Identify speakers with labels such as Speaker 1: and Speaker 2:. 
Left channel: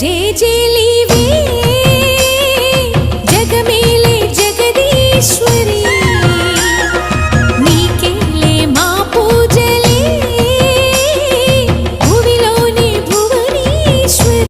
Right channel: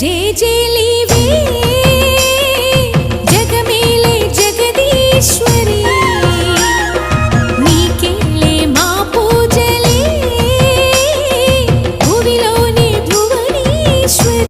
Speaker 1: వేవేల జేజేలివే జగమేలే జగదీశ్వరి.